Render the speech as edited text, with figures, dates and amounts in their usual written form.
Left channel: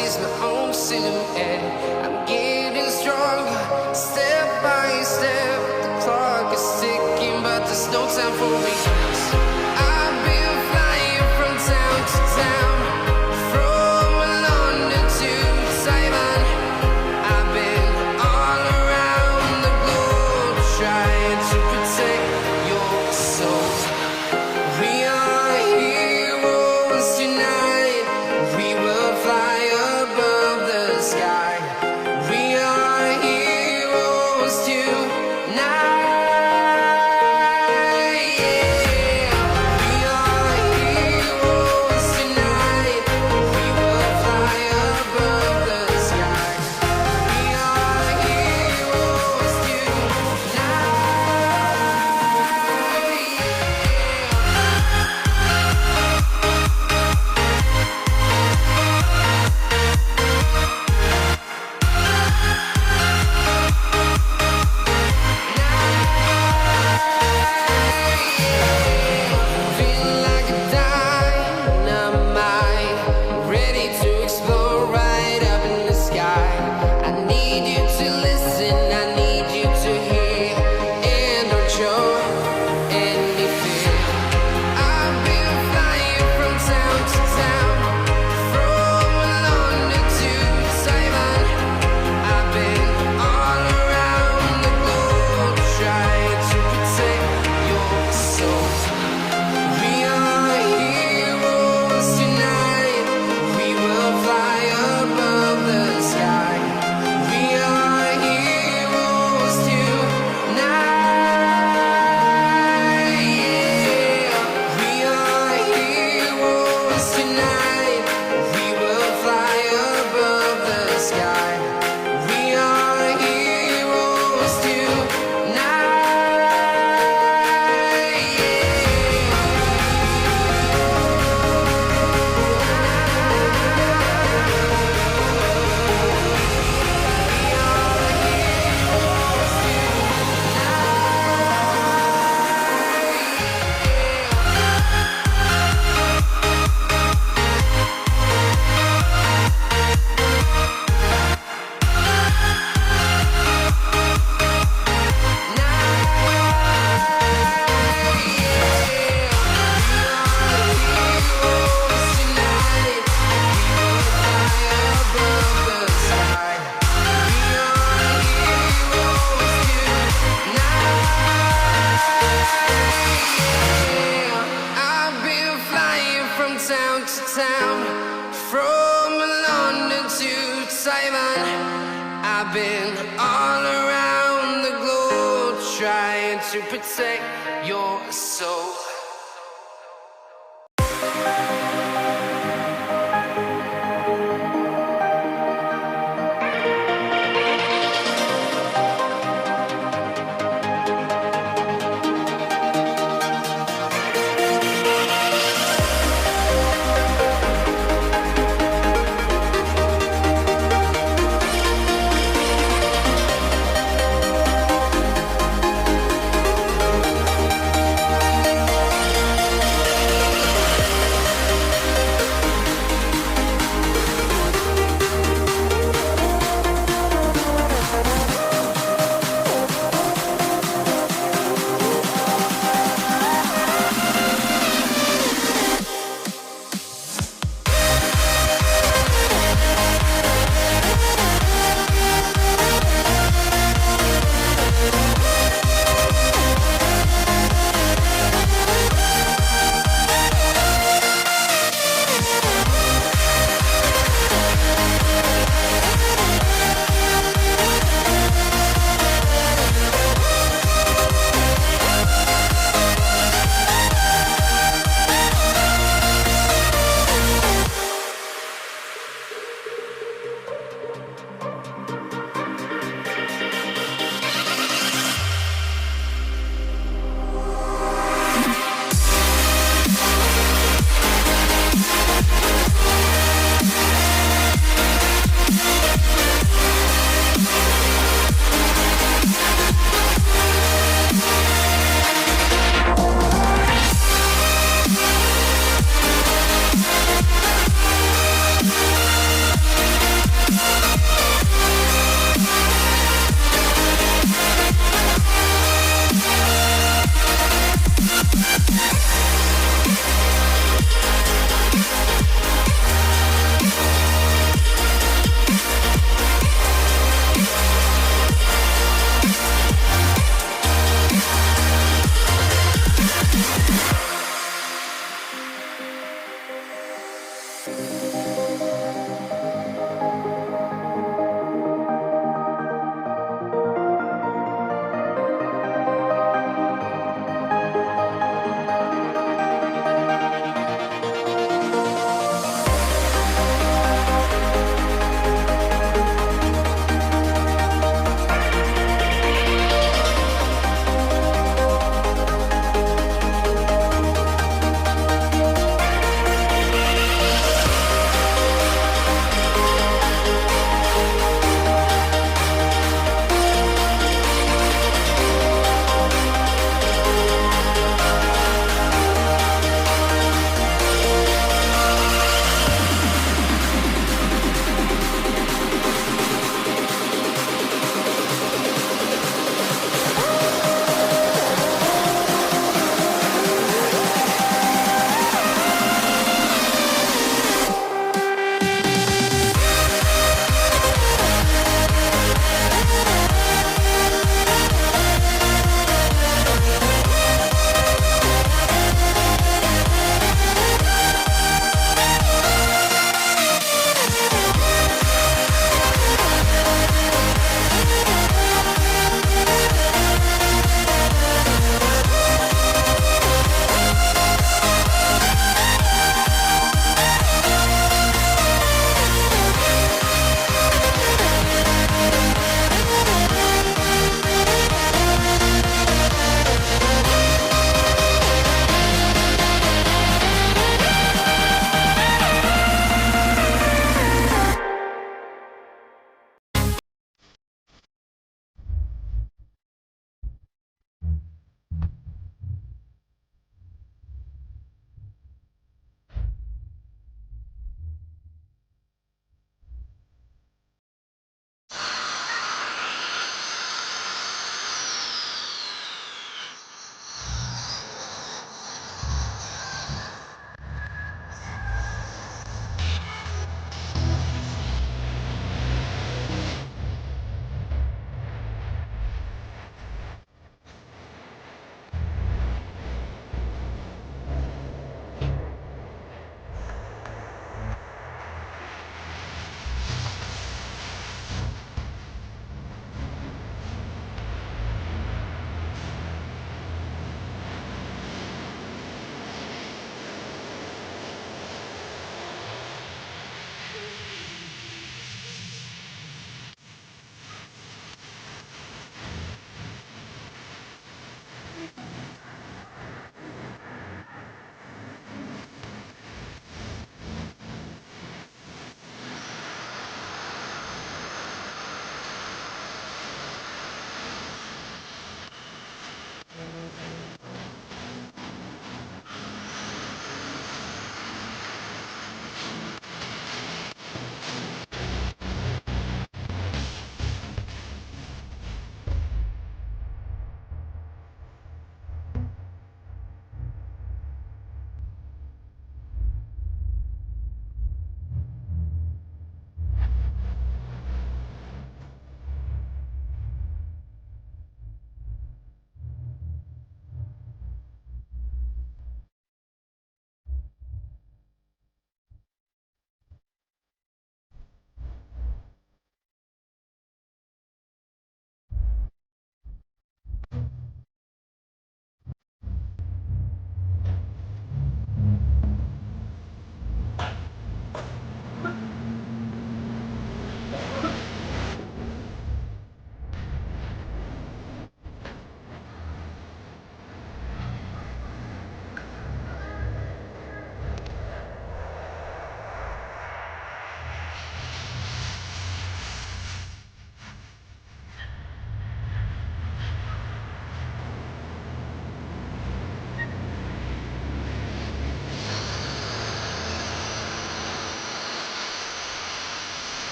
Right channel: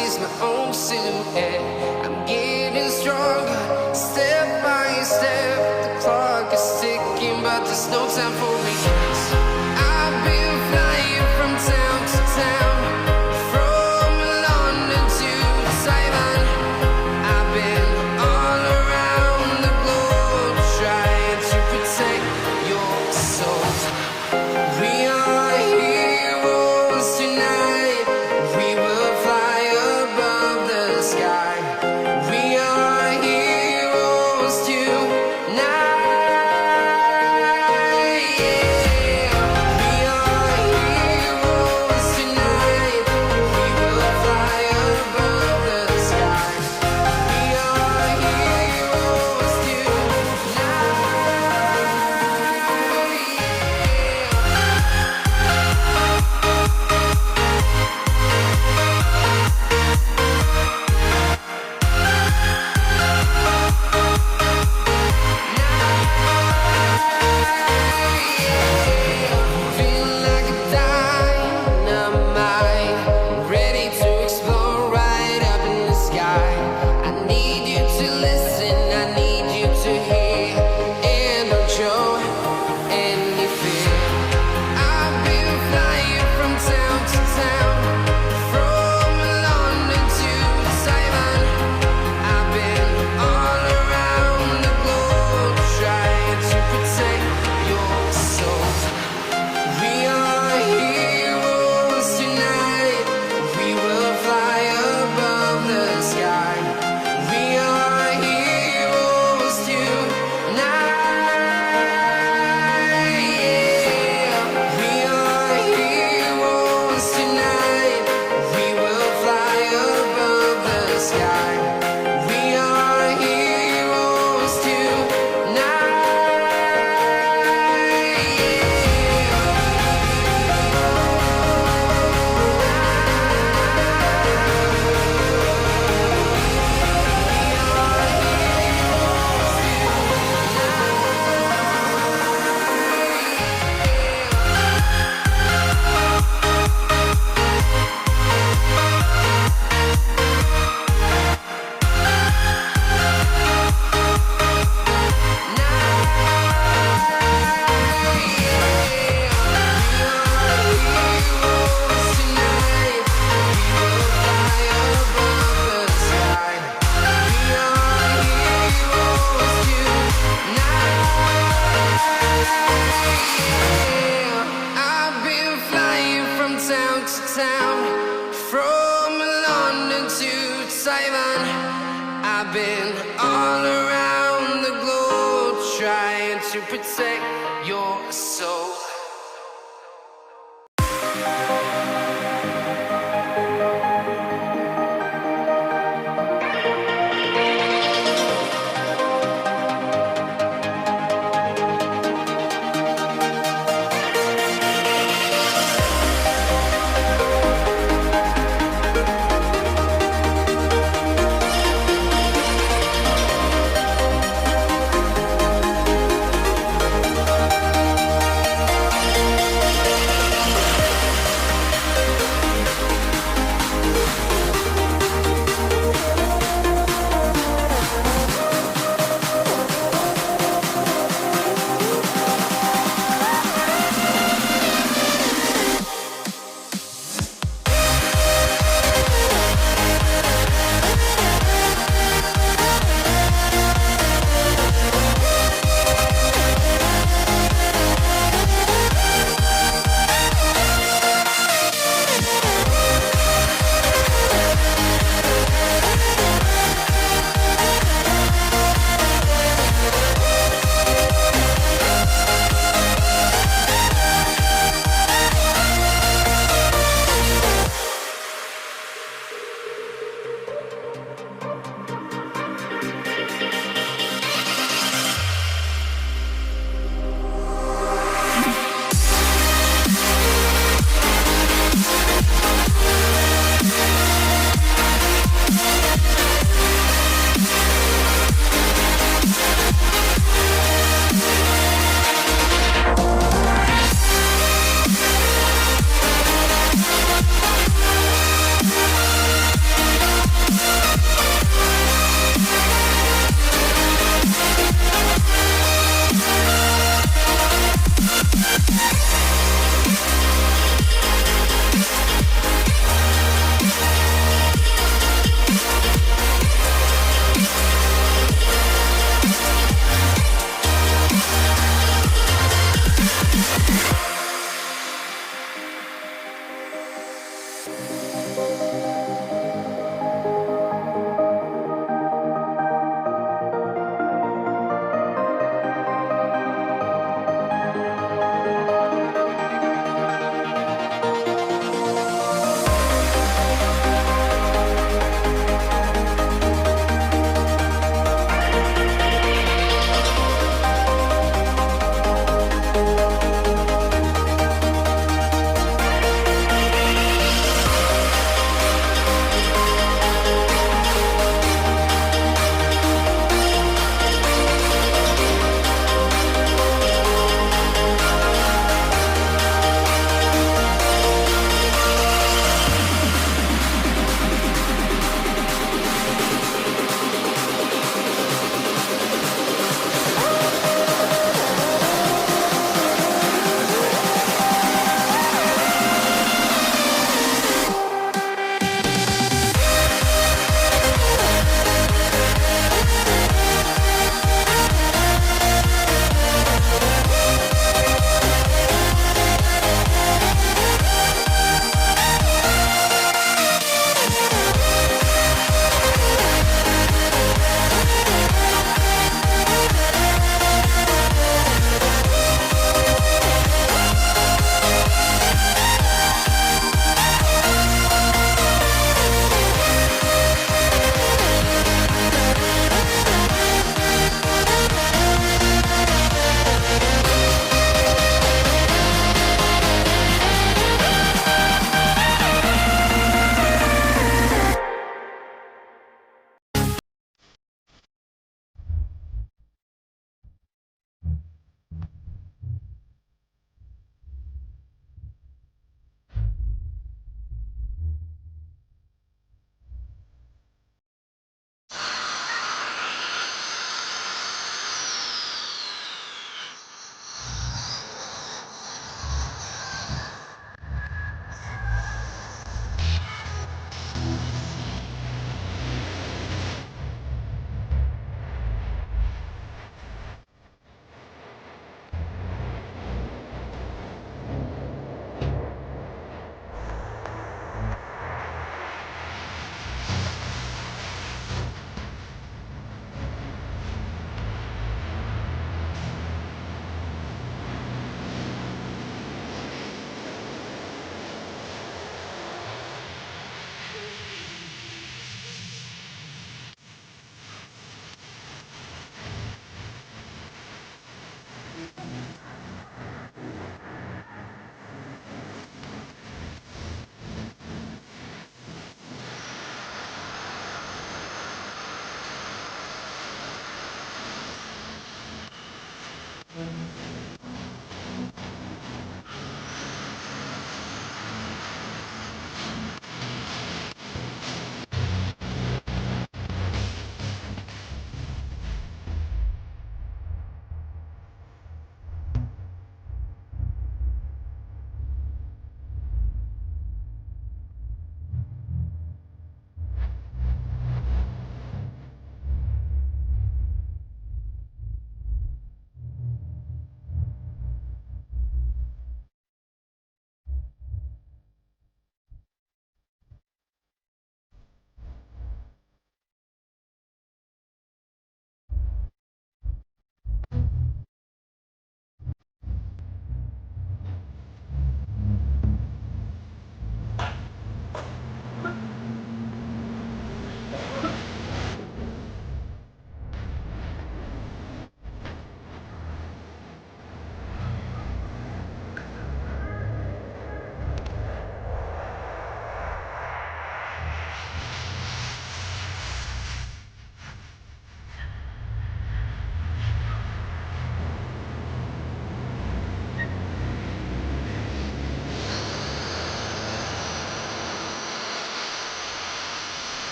sees my own silhouette. I'm getting stronger, step by step. The clock is ticking, but there's no time for me. I've been flying from town to town, from London to Taiwan. I've been all around the globe, trying to protect your soul. We are heroes tonight. We will fly above the sky. We are heroes tonight. Yeah. We are heroes tonight. We will fly above the sky. We are heroes tonight. Feeling like a dynamite, ready to explode right up in the sky. I need you to listen, I need you to hear, and don't show any fear. I've been flying from town to town, from London to Taiwan. I've been all around the globe, trying to protect your soul. We are heroes tonight. We will fly above the sky. We are heroes tonight. Yeah. We are heroes tonight. We will fly above the sky. We are heroes I've been flying from town to town, from London to Taiwan. I've been all around the globe, trying to protect your soul.